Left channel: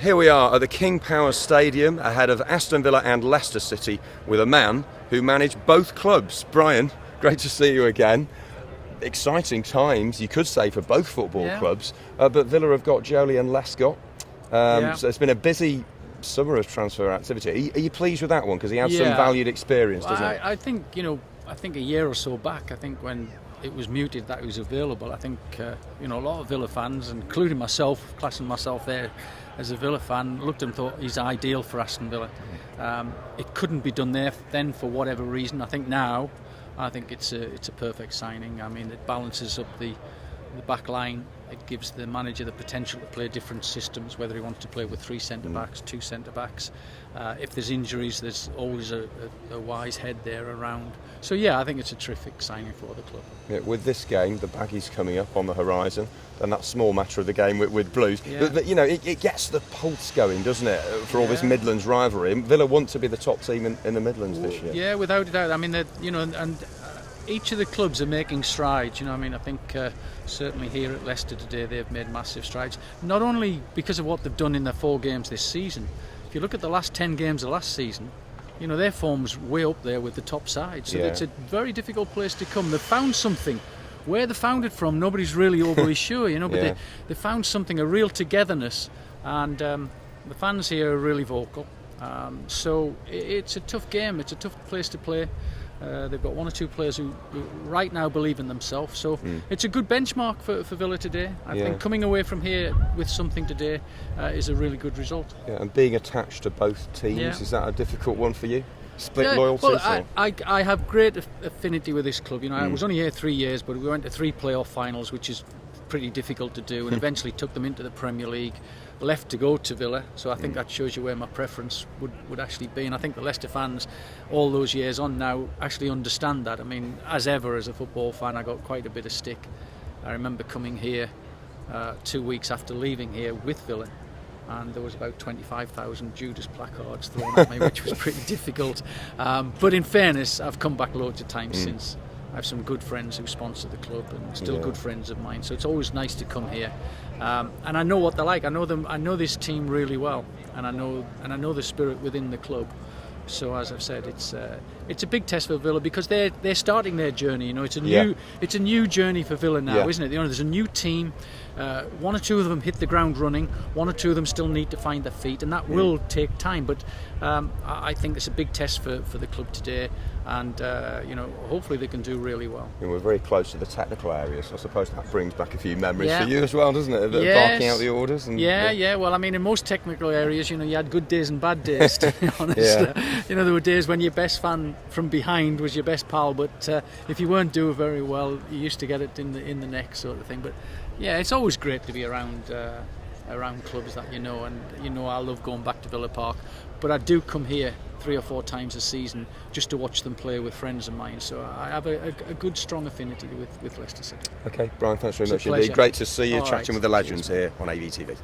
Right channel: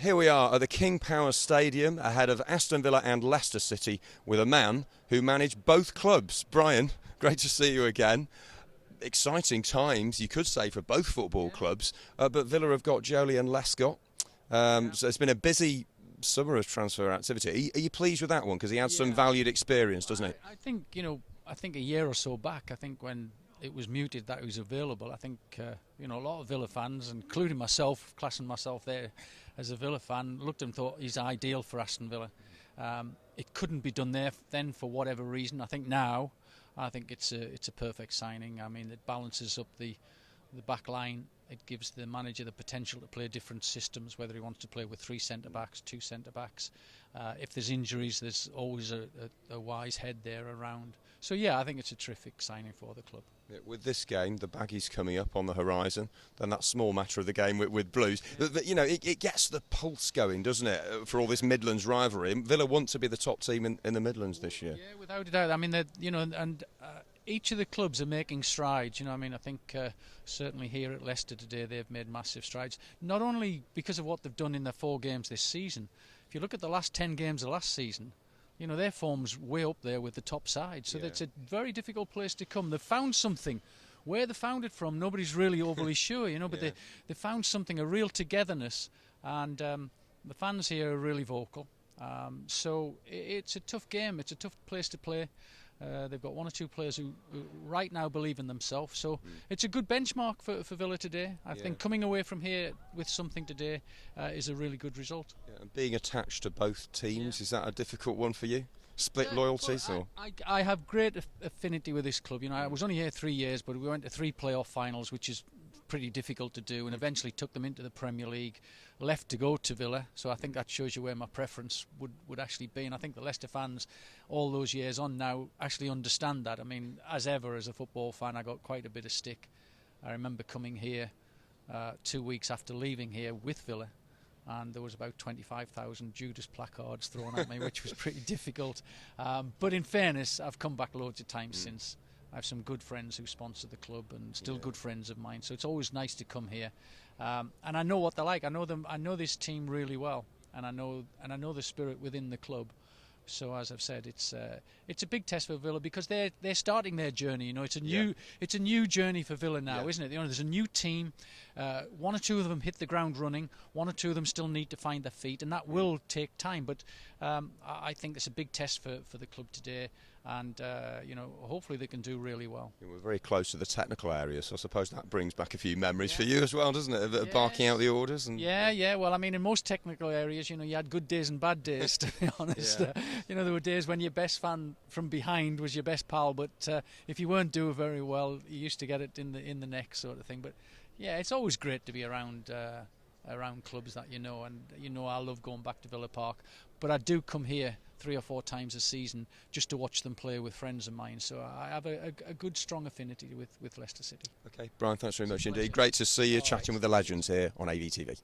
Here we are at the King Power Stadium ahead of Aston Villa and Leicester City with a man who managed both clubs. Brian, great to see you again. Exciting times, you could say, for both football clubs, but Villa have got Jolie and Lescott. So it's been a busy summer of transfer activity. Are you pleased with that one? Because he has some valued experience, doesn't he? I think, a year or so back, I think when it was muted that he was available, I think, a lot of Villa fans, including myself, classing myself there as a Villa fan, looked and thought he's ideal for Aston Villa. It couldn't be done there then for whatever reason. I think now, it's a perfect signing. I mean, it balances up the back line. It gives the manager the potential to play different systems, whether he wants to play with 3 centre-backs, 2 centre-backs. If there's injuries, there's always a wise head there around. So, I think it's a terrific signing for the club. Yeah, with this game, the Baggies coming up on the horizon, and that small matter of the game with Blues. But, it gets the pulse going, doesn't it, for all this Midlands rivalry. Villa want to be the top team in the Midlands this year. Yeah, without a doubt. I mean, each of the clubs are making strides. I think certainly here at Leicester today they've made massive strides. Not only because of what they've done in their 4 games this season. If you look at the last 10 games of last season, their form's way up there with the top side. So it's a very difficult place to come. They've found something. Where they found it from, nobody's really overly sure. But they found something, a real togetherness, and the fans here are really vocal. So it's a tough game. It's a tough place to play. They've got 1 or 2 players who right now believe in themselves. So it's a good benchmark for Villa today. I think coming away from here with something today is a really good result. Yeah, and being attached to both teams, is that a difficult one for you? Split loyalties? Well, I have great affinity with this club. I was only here 3 years, but we went to 3 playoff finals, which is pretty difficult to do, and eventually took them into the Premier League. Left to go to Villa, so I think that shows you where my preference would actually be, and I think the Leicester fans all those years on now actually understand that. I mean, as ever as a football fan, I got quite a bit of stick. I remember coming here 2 weeks after leaving here with Villa, and there was about 25,000 Judas placards thrown at me, which was pretty difficult, but in fairness, I've come back loads of times since. I have some good friends who sponsor the club and still good friends of mine, so it's always nice to come here. And I know what they're like. I know them. I know this team really well, and I know the spirit within the club. So as I've said, it's a big test for Villa because they're starting their journey. It's a new journey for Villa now, isn't it? There's a new team. 1 or 2 of them hit the ground running. 1 or 2 of them still need to find their feet, and that will take time. But I think it's a big test for the club today, and hopefully they can do really well. We're very close to the technical areas, so I suppose that brings back a few memories for you as well, doesn't it? Barking out the orders. And, Well, I mean, in most technical areas, you had good days and bad days. To be honest, there were days when your best fan from behind was your best pal, but if you weren't doing very well, you used to get it in the neck, sort of thing. But it's always great to be around clubs that and I love going back to Villa Park, but I do come here 3 or 4 times a season just to watch them play with friends of mine. So I have a good, strong affinity with Leicester City. Okay, Brian, thanks very much indeed. Great to see you chatting with the legends here on AVTV.